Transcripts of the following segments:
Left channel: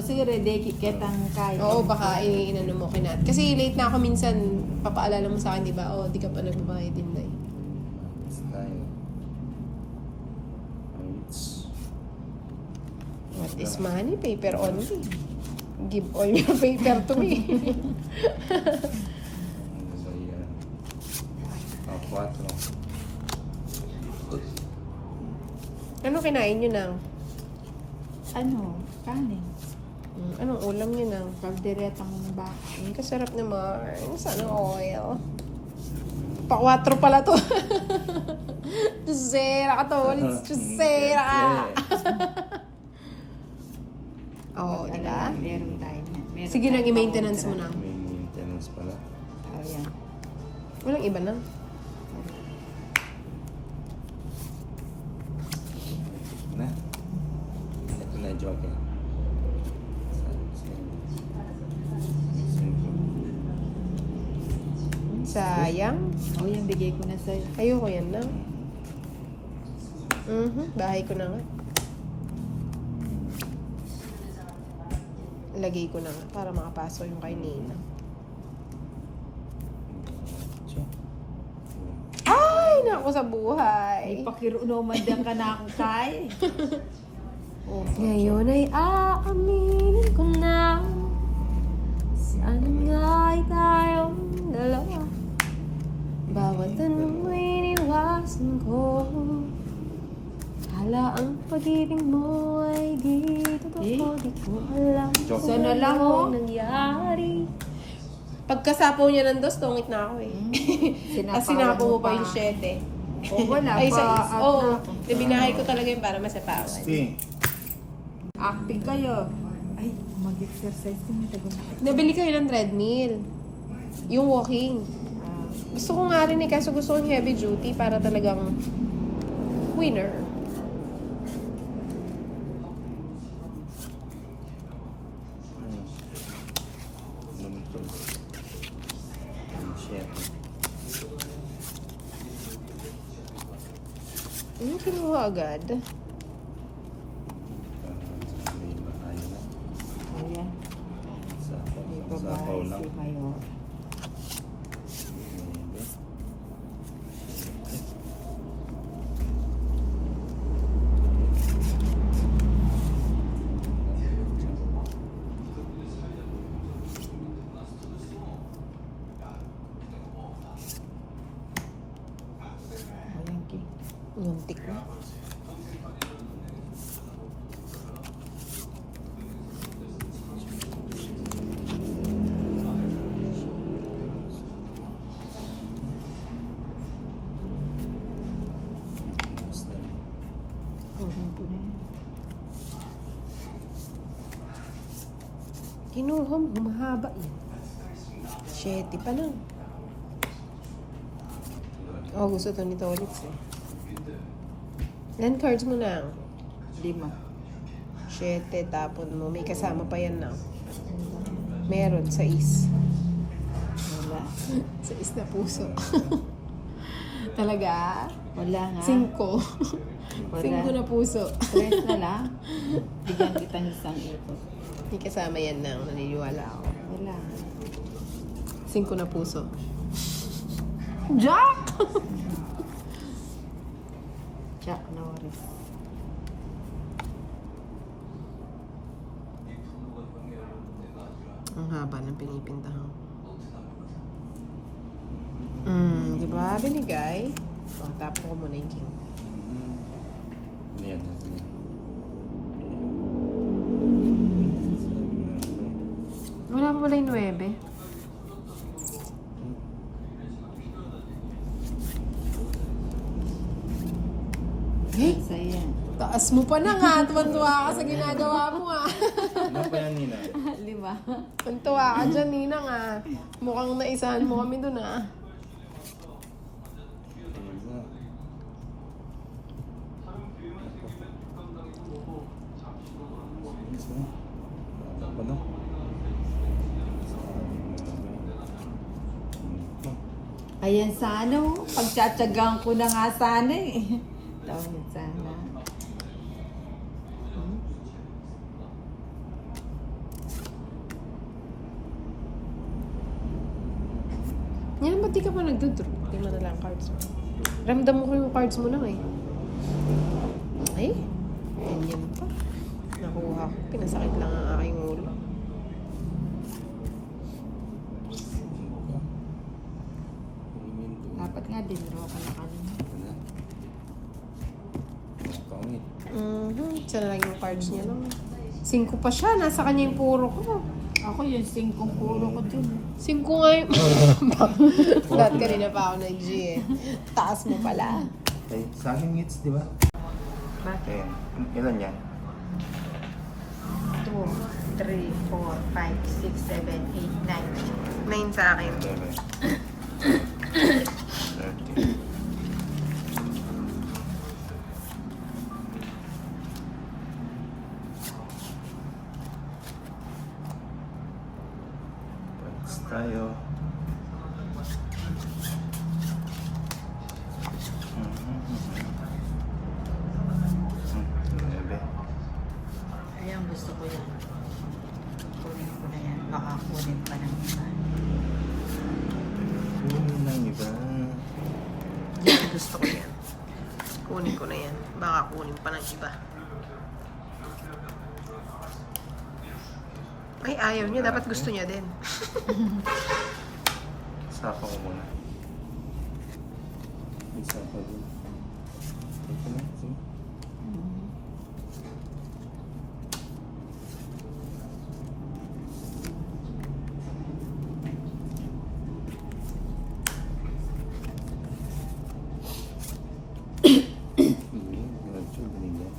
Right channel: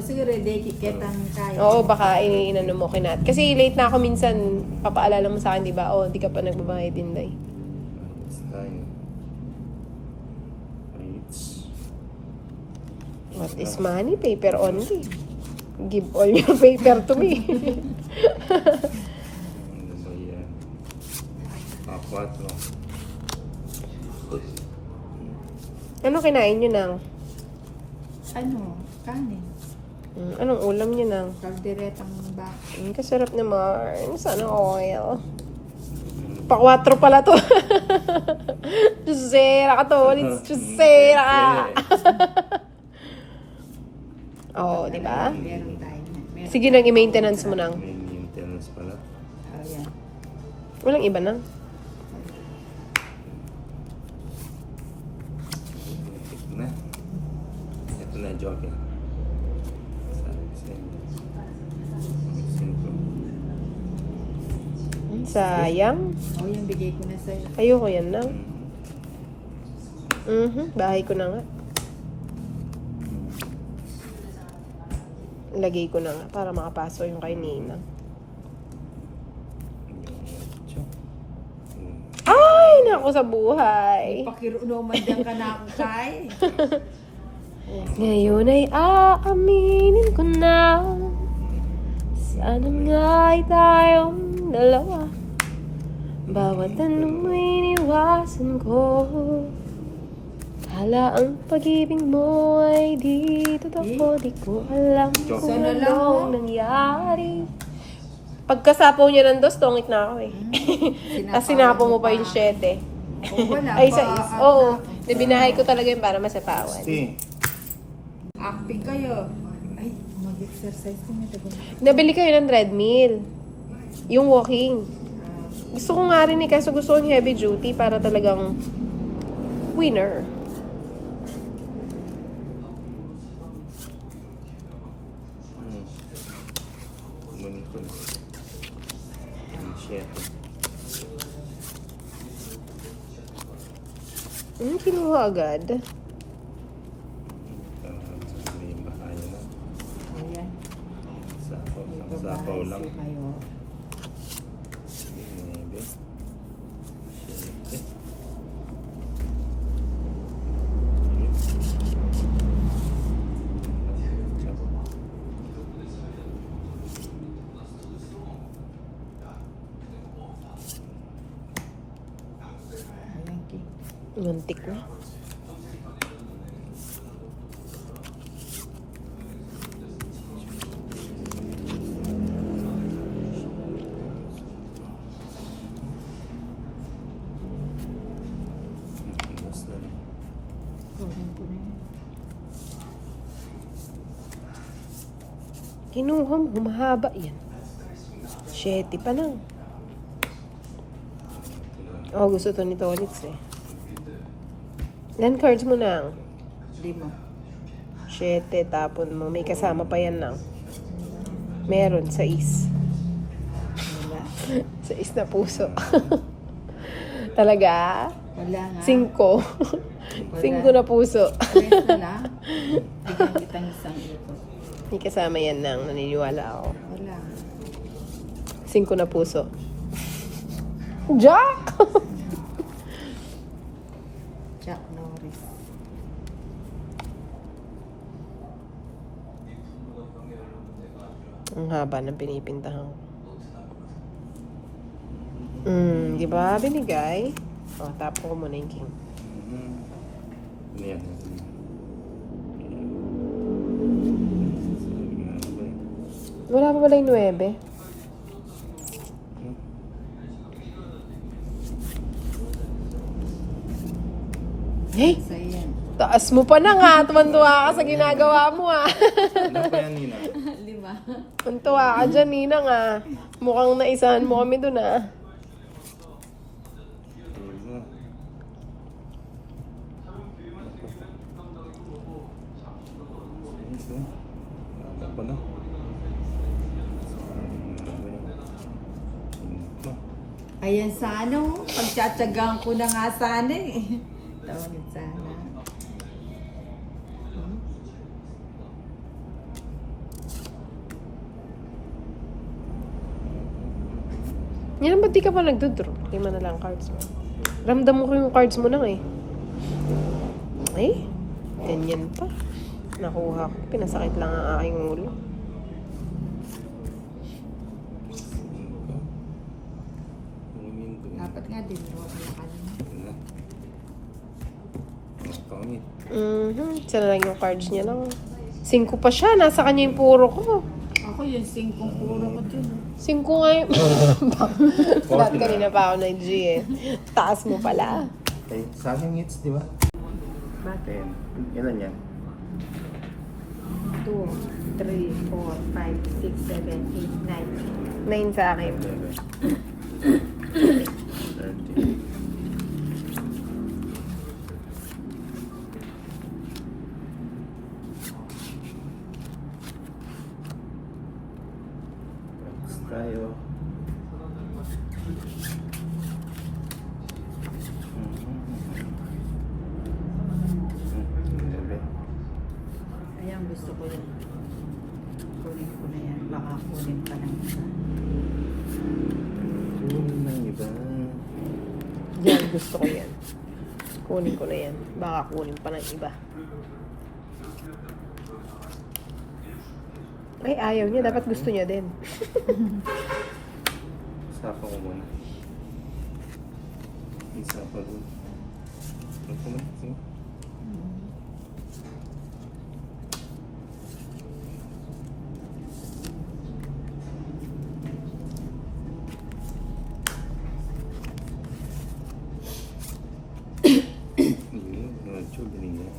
Kasi ready kitang kaya. Oo, baka inano mo kinat. Kasi late na ako minsan, papaalala mo sa akin, di ba? Oh, di ka pa nagbabayad din, Day. Time. Rates. What is money? Paper only. Give all your paper to me. Ano ba yan? 4. Ano kinain nyo nang? Ano? Kanin. Anong ulam nyo nang? Kalderetang bak. Kasarap naman. Sana oil. Pa-4 pala to. Jusera ka to. Jusera ka. Oo, di ba? Meron tayo. Meron Sige nang i-maintenance mo nang. May maintenance pala. tayo yan. Walang iba nang. Ito na. Ito na, joking. Sayang. O yan, bigay ko na sa'yo. Ayoko yan nang. Bahay ko na nga. Lagay ko na nga para makapasok yung kay Nina. Ay, naku sa buhay. Pakirunoman dyan ka na ako, Kai. Oh, Ngayon ay aaminin ko na sana nga ay tayong dalawa. Bawat tanong ay iniwasan ko. Hala ang pag-ibig mo ay di totoo. Di ko alam kung Sana lang, oh. anong nangyari. Pagkasapaw niya ng dos, tongit na ako eh. Tapos sinapaw mo pa yung 7. Oh, wala Ay, pa. sa oo. Binahay ko talaga yun para masapawan. Stay. Acting kayo. Ay, mag-exercise mo. Nabili kayo ng treadmill. Yung walking. Gusto ko nga rin eh, kaso gusto ko yung heavy duty para talagang winner. Ganito. Shit. Ano kinuha agad? May bahayo na. Ayan. Sapaw lang. Kayo. Maybe. Shit. Ayan, Ki. Muntik na. Basta. Kunin ko na yan. Kinuha mo, humahaba yan. 7 pa lang. Oh, gusto to ni Tolitz eh. Ilan cards mo na? 5. 7, tapon mo. May kasama pa yan na. Meron, 6. Wala. 6 na puso. Talaga? Wala nga. 5. 5 na puso. Rest na lang. Bigyan kita ng isang ipon. May kasama yan nang naniniwala ako. Wala. 5 na puso. Jack! Chuck Norris. Ang haba ng pinipintahan ko. Di ba? Binigay. O, tapo ko muna yung king. Yan. Wala pa pala yung 9. Eh, Sa'yo yan. taas mo pa na nga. Tuwan-tuwa ka sa ginagawa mo ah. Ano pa yan, Nina? 5. Tuwan-tuwa ka dyan, Nina nga. Mukhang naisahan mo kami dun ah. Apa no? Ayan sana oh. Pagtsatsagaan ko na nga sana eh. Tawag sana. Yan, ba't di ka pa nagdodraw? Di mo na lang cards mo. Ramdam mo ko yung cards mo lang eh. Ay, ganyan pa. Nakuha ko. Pinasakit lang ang aking ulo. Dapat nga din, no? Wala. Pangit. Siya na lang yung cards niya lang. 5 pa siya. Nasa kanya yung puro ko. Ako yung 5 puro ko din. 5 nga yung... Lahat kanina pa ako nag-G eh. Taas mo pala. Okay, sa akin hits, di ba? Bakit? Okay. Ilan yan? 2, 3, 4, 5, 6, 7, 8, 9. 9 sa akin. 30. Pats tayo. Ayan, gusto ko yan. Kunin ko na yan. Baka kunin pa ng isa. Yan, gusto ko yan. Kunin ko na yan. Baka kunin pa ng iba. Ay, ayaw niya. Dapat gusto niya din. Saka mo muna. Isa pa doon. Ito na. Sige. Hindi. Diretso. Ganyan.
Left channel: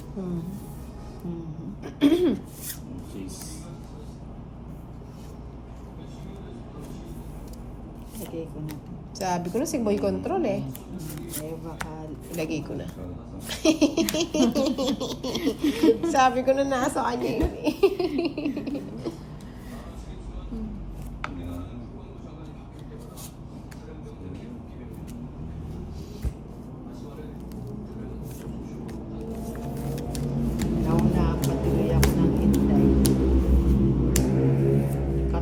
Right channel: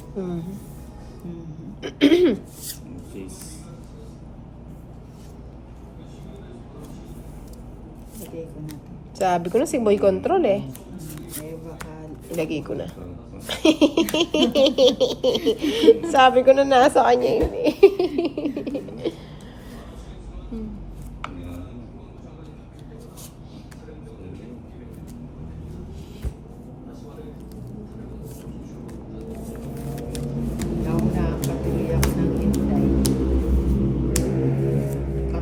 Jeez. Lagay ko na ito. Sabi ko na si Boy Control eh. Eh, baka... Ilagay ko na. Sabi ko na nasa kanya yun eh. Ako na, patuloy ako ng hintay.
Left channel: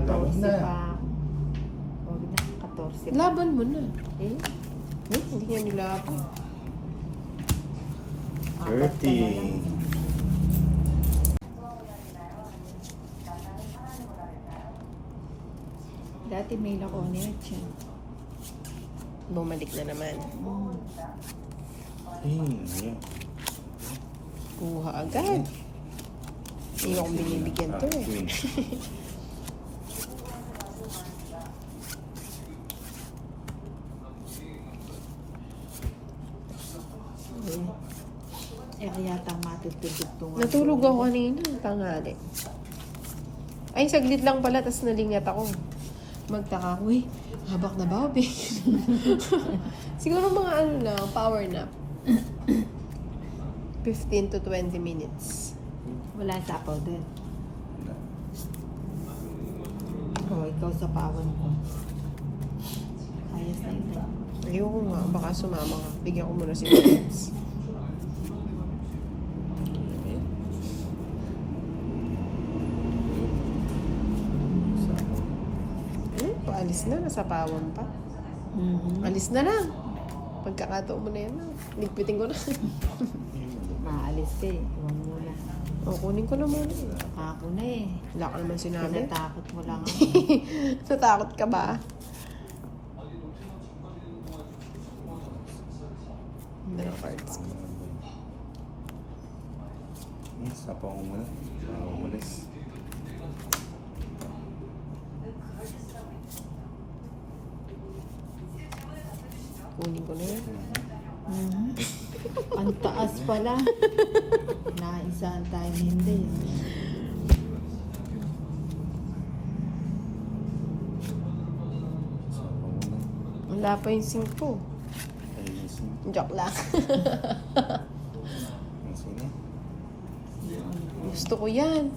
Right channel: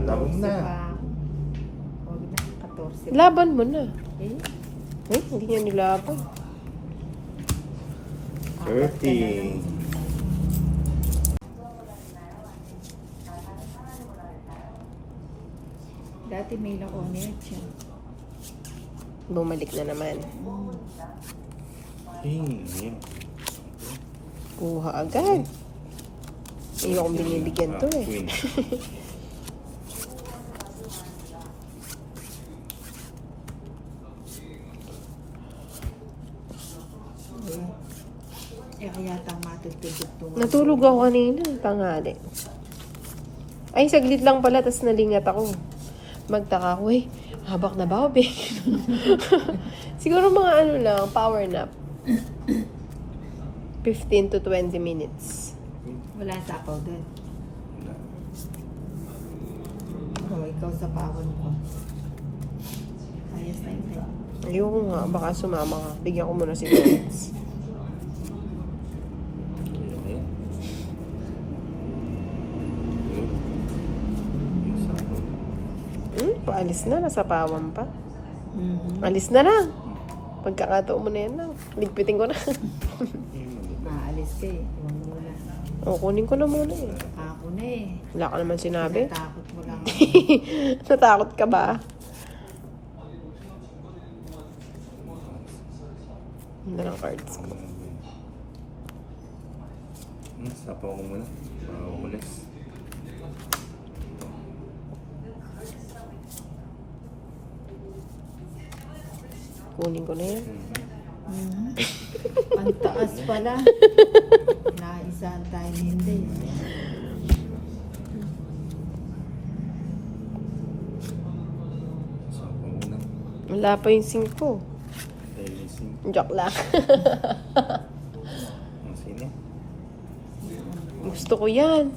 Dapat 14 na. pa. Huwag na, 14 pa. Laban mo na. Eh? Hindi niya nilaban. 30. Dati may nakunit siya. Bumalik na naman. Hey, Kuha agad. Hindi akong binibigyan to. Queen. Eh, kaya tang matutulog to. Natulog ako kanina, tanghali. Ay, saglit lang pala, tapos nalingat ako. Magtaka ko, habak na ba, babe? Siguro mga ano lang, power nap. 15 to 20 minutes. Wala sapaw doon. Wala. Oh, ikaw sa pawon ko. Ayos na yun. Ayoko nga, baka sumama ka. Bigyan ko muna si minutes. Okay. Paalis na, nasa pawan pa. Mm-hmm. Alis na lang. Pagkakataon mo na yan lang. Ligpitin ko na. Maalis ka eh. Huwag muna. O, kunin ko na muna eh. Ako na eh. Wala ka naman sinabi. Natakot mo lang ako. Natakot ka ba? Ganda ng cards ko. Sapaw ko muna. Umalis. Kunin ko na yan. Mhm. Ang taas pala. Naisaan tayo hindi. Sapaw muna. Wala pa yung 5. Ayusin. Joke lang. Masini. Gusto ko yan.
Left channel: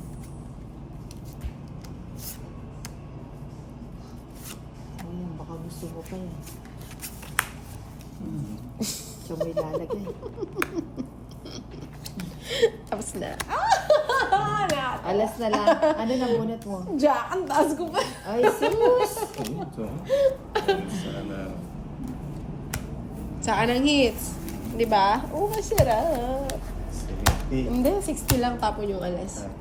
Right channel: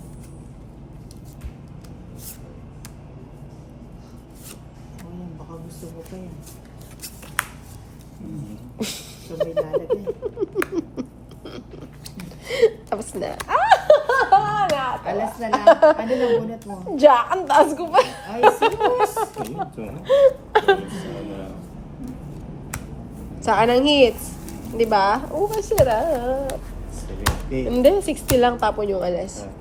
Ayun, baka gusto mo pa yan. So may lalagay. Tapos na. Alas na lang. Ano na bunot mo? Jack, ang taas ko pa. Ay, sus! Ayun, ito. Sana. Saan ang hits? Di ba? Oo, masarap. 70. Hindi, 60 lang tapon yung alas. Ah.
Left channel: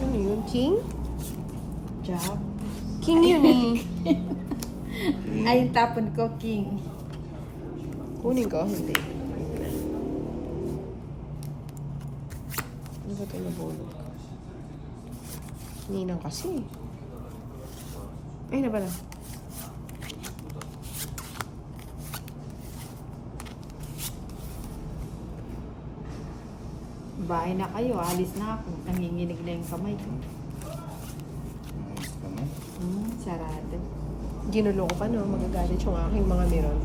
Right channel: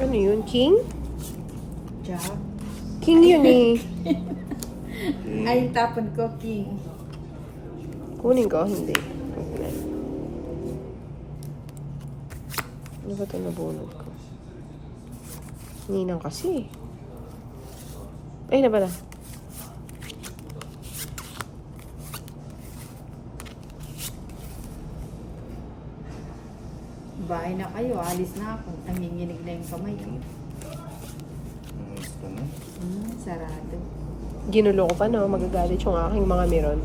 Ano yun? King? Jack. King yun eh. Ay, tapon ko, king. Kunin ko, hindi. Ano ba ito nabunod ko? Ninang kasi. Ay, na pala. Bahay na kayo, alis na ako. Nanginginig na yung kamay ko. Ayos ka na. Sarado. Ginulo ko pa, no? Magagalit yung aking mga miron.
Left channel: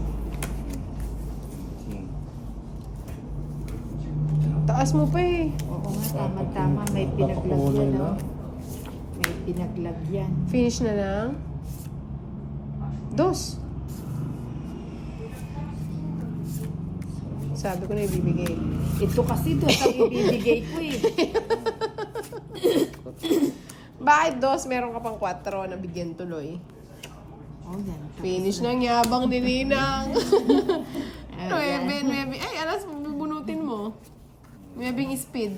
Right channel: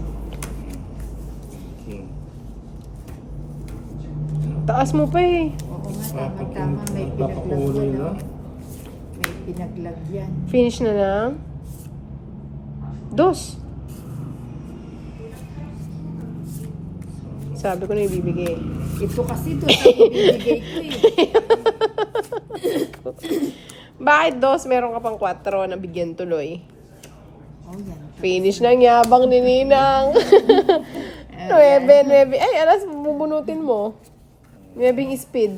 King. Taas mo pa eh. Oo nga, tama-tama. May Napakulay pinaglagyan. na. May pinaglagyan. Finish na lang. Dos. Sabi ko na ibibigay. Ito kasi doon sa bibigay ko eh. Bakit dos? Meron ka pang 4 na bigyan tuloy. Oh, yan. Finish lang yabang ni Ninang. 9. Ay, alas, bubunutin mo. 9 speed.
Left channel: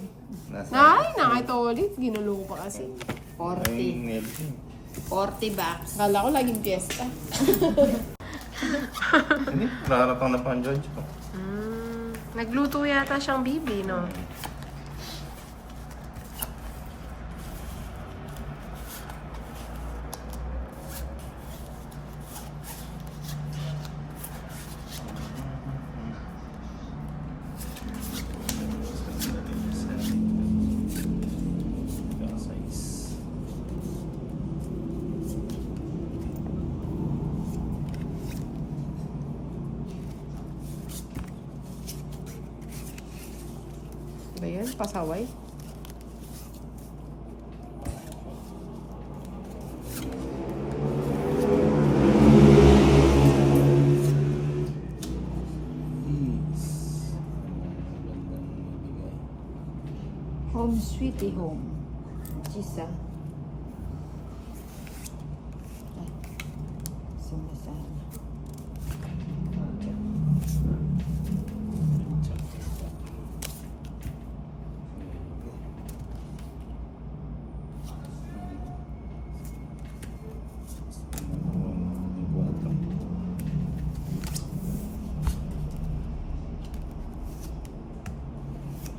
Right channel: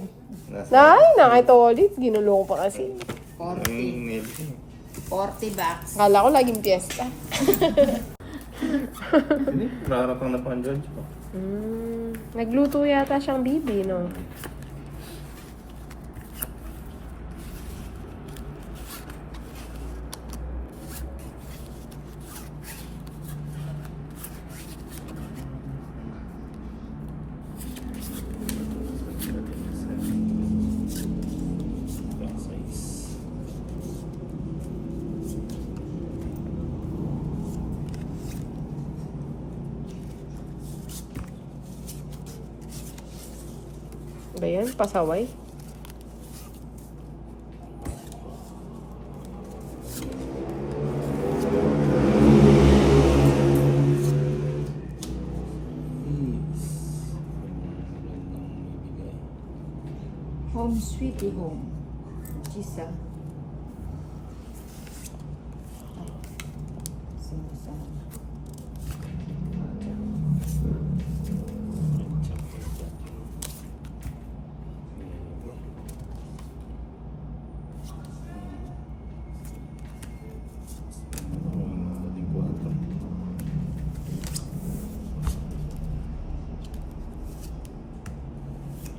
Ay, nakita ulit. Ginulo ko pa kasi. 40. 40 bucks. Akala ko laging piyesta. Hindi, nakaratang na pa ang George ko. Nagluto yata siyang bibi, no? Ba yan? Pasaway? Home sweetie home. Isa. Ay. Sinasama.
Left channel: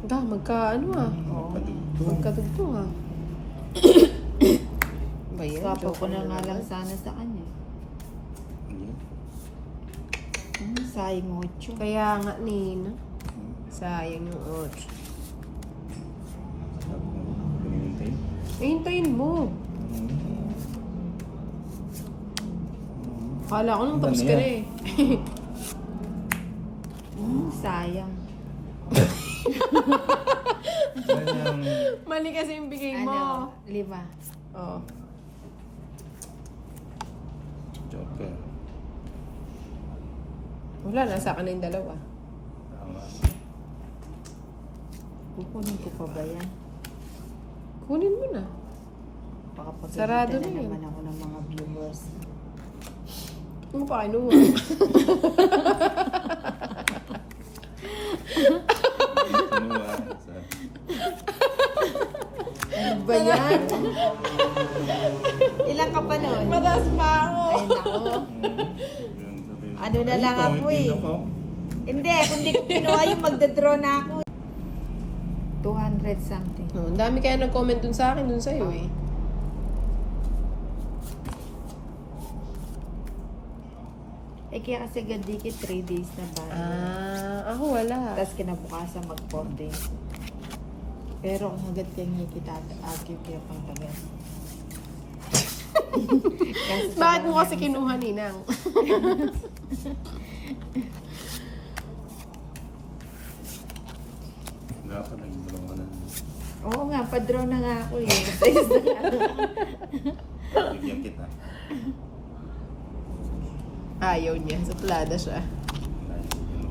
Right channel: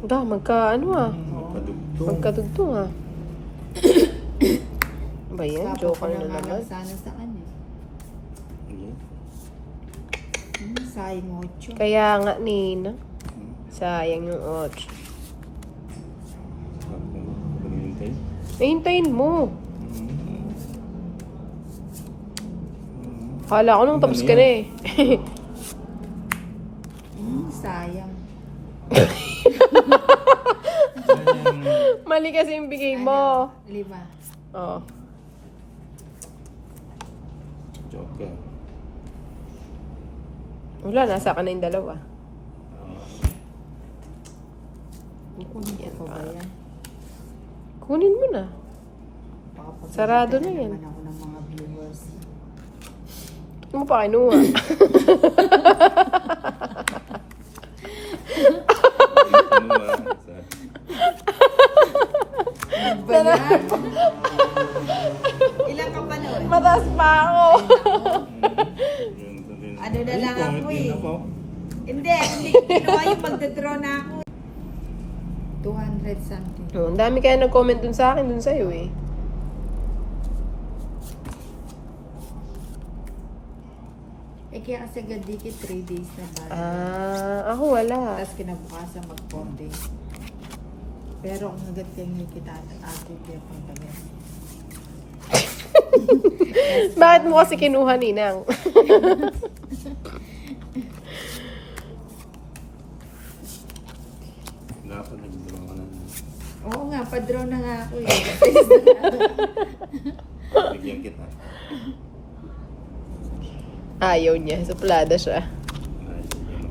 Da, ano ah. Magkadugtong ah. Ba yan? Sapo ko Joker na na nga lang naman. sana sa kanya. Hindi. Sayang 8. Kaya nga, Nina. Sayang yung 8. Pinintay. Hintayin mo. Kala ko nung tapos ka na eh. Sayang. Sayang. Mali kasi yung bigay mo. 5. Oo. Joker. Wala, nasa ka na yung 2. Tama. Kukunin ko pa ba yan? Kunin mo na. Baka pagalitan Sarado na yan. naman ako ng mga viewers. Hindi mo pa kinuha. Ano ba? Ano ba yan? Ilan ka pa noon? Mataas pa ako. Ano na lang ako eh. Hindi, hindi ko kinuha yung magdadraw na ako. 200 something. Ang dami kaya nag-comment dun sa akin, dun sa'yo eh. Eh kaya kasi gadikit 3 days na ba? Ako wala. Tapos kinabukasan mag 4 days. Pero kung hanggat kaya kita agi kaya pang Bakit mo kasi kinuha, Ninang? Wala ka nag-draw ka na. Oo nga, pa-draw na nga ako eh. Bigyan kita. Ayaw niya. Suplada siya. Wala, bigyan mo.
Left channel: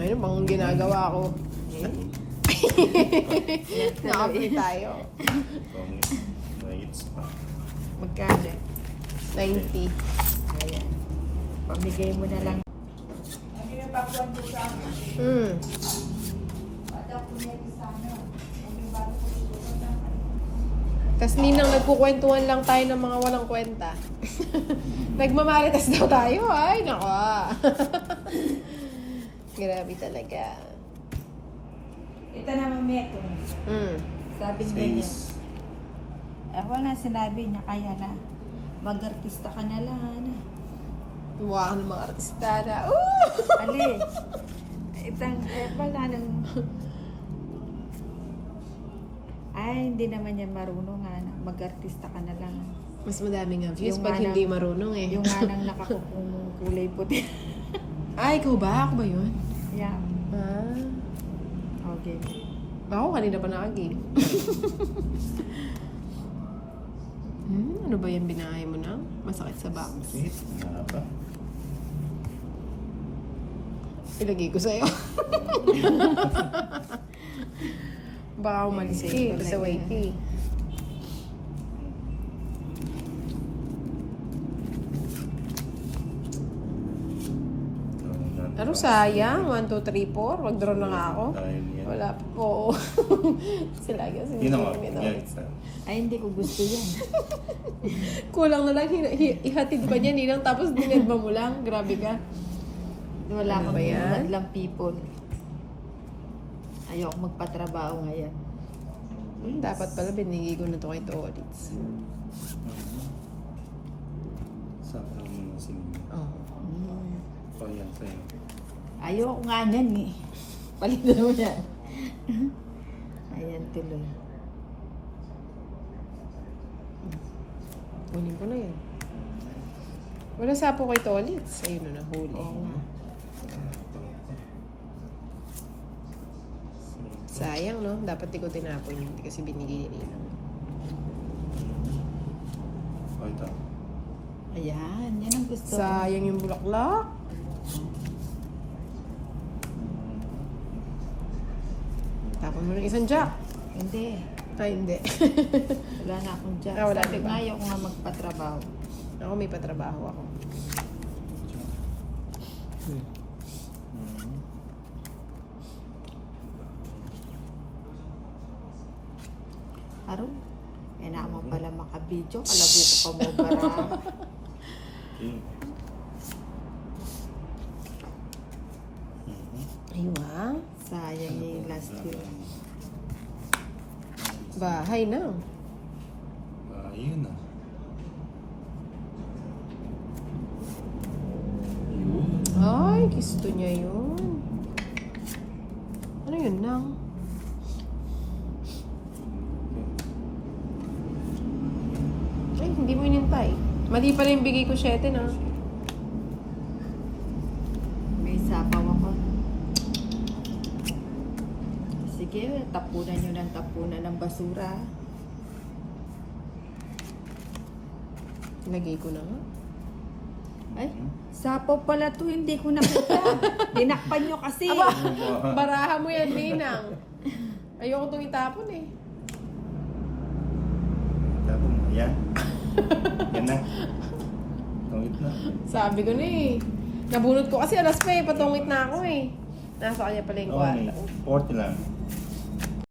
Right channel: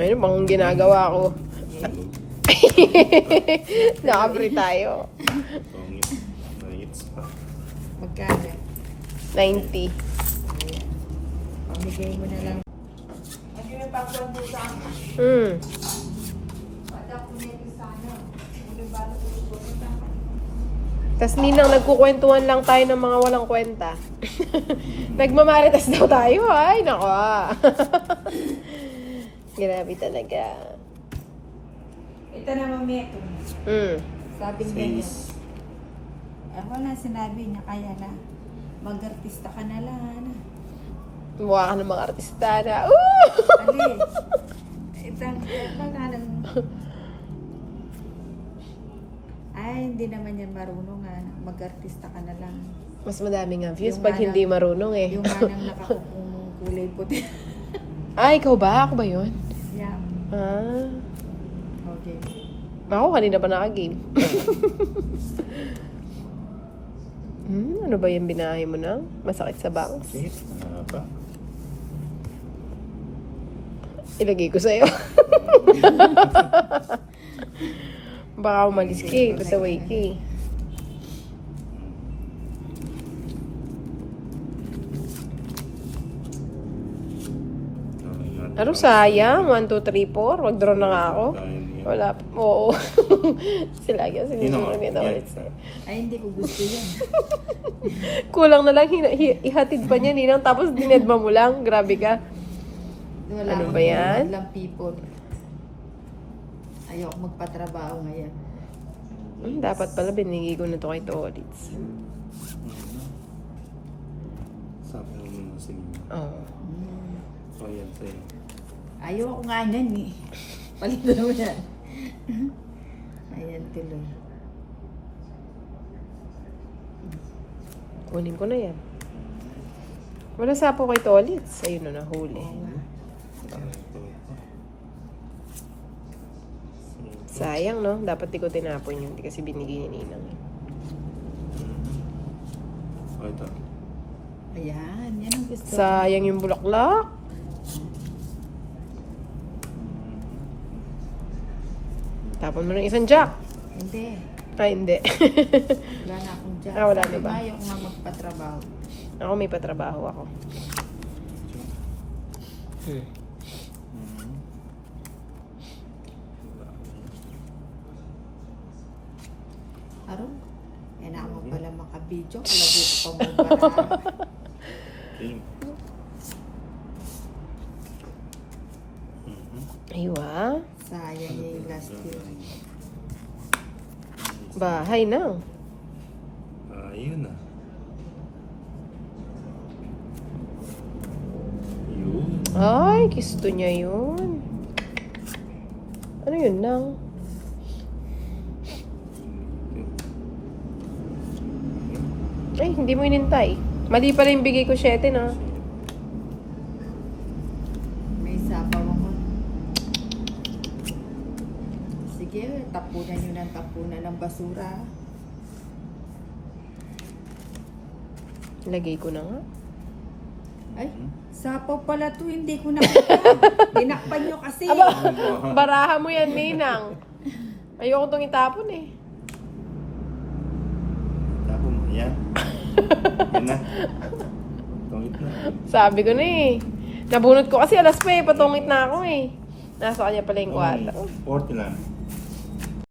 Ayun, bang ginagawa ko. Nakapri tayo. Pangit. Pangits pa. Magkano? 90. Ayan. Pamigay mo na lang. Tas Ninang, nagkukwentuhan lang tayo ng mga walang kwenta. Nagmamaritas daw tayo. Ay, nako. Grabe talaga. Ito naman Meto. Sabi niya niya. Face. Wala, sinabi niya kaya na. Mag-artista ka na lang, Ana. Mukha ka ng mga artista na. Woo! Ali. Itang, pagkalan mo. Ay, hindi naman yan marunong, Ana. Mag-artista ka na lang. Mas madami nga views Yung pag manang- hindi marunong eh. Yung manang nakakupong kulay puti. Ay, ikaw ba? Ako ba yun? Yeah. Ah. Okay. Ako, kanina pa naka-game. Ano ba yung binahe mo na? Masakit sa bangs? Wait, pa. Ilagay ko sa'yo. Baka umalis ka eh. Pasaway ka eh. Ano sayang? 1, 2, 3, 4. Wag-draw na nga ako. Wala. Oo. Sila yan. Sinusunod nito ulit. Ay, hindi ko gusto yan. Kulang na lang. Ihatid pa niya, Ninang. Tapos dinedma mo lang. Grabe ka. Wala Ano akong ba yan? lang people. Ayoko magpatrabaho ngayon. Dapat pala binigay ko na to kay Tolitz. Sabi mo muna si Nina. Oo. O yan, sa'yo. Ayoko nga yan eh. Palitan mo yan. Ayan tuloy. Kunin ko na yan. Wala sapo kay Tolitz. Ayun na, nahuli. Oo nga. Sayang, no? Dapat di ko tinapon yun. Hindi kasi binigay ni Ninang. O ito. Ayan, yan ang gusto ko. Sayang yung bulaklak. Tapon mo ng isang jack. Hindi. Ay, hindi. Wala na akong job. Ah, wala, Sabi diba? nga, ayoko nga magpatrabaho. Ako may patrabaho ako. Aro, kailangan mo pala makabidyo. Labo ko pa mo bara. Okay. Aywa. Sayang yung last year. Bahay na. Ayun na. Yun. Ay, gusto niya yun. Ano yun lang? Ay, hindi mo inintay. Mali pala yung bigay ko 7 na. May sabaw ako. Sige, tapunan nyo ng tapunan ng basura. Lagay ko na nga. Ay, sapaw pala to, hindi ko nakita. Dinakpan nyo kasi. Aba, baraha mo yan, Ninang. Ayoko itong itapon eh. Tapo mo. Yan. Yan na. Tungit na. Sabi ko na eh. Nabunot ko kasi alas pa eh. Patungit na ako eh. Nasa kanya pala yung kwarto. 40 lang.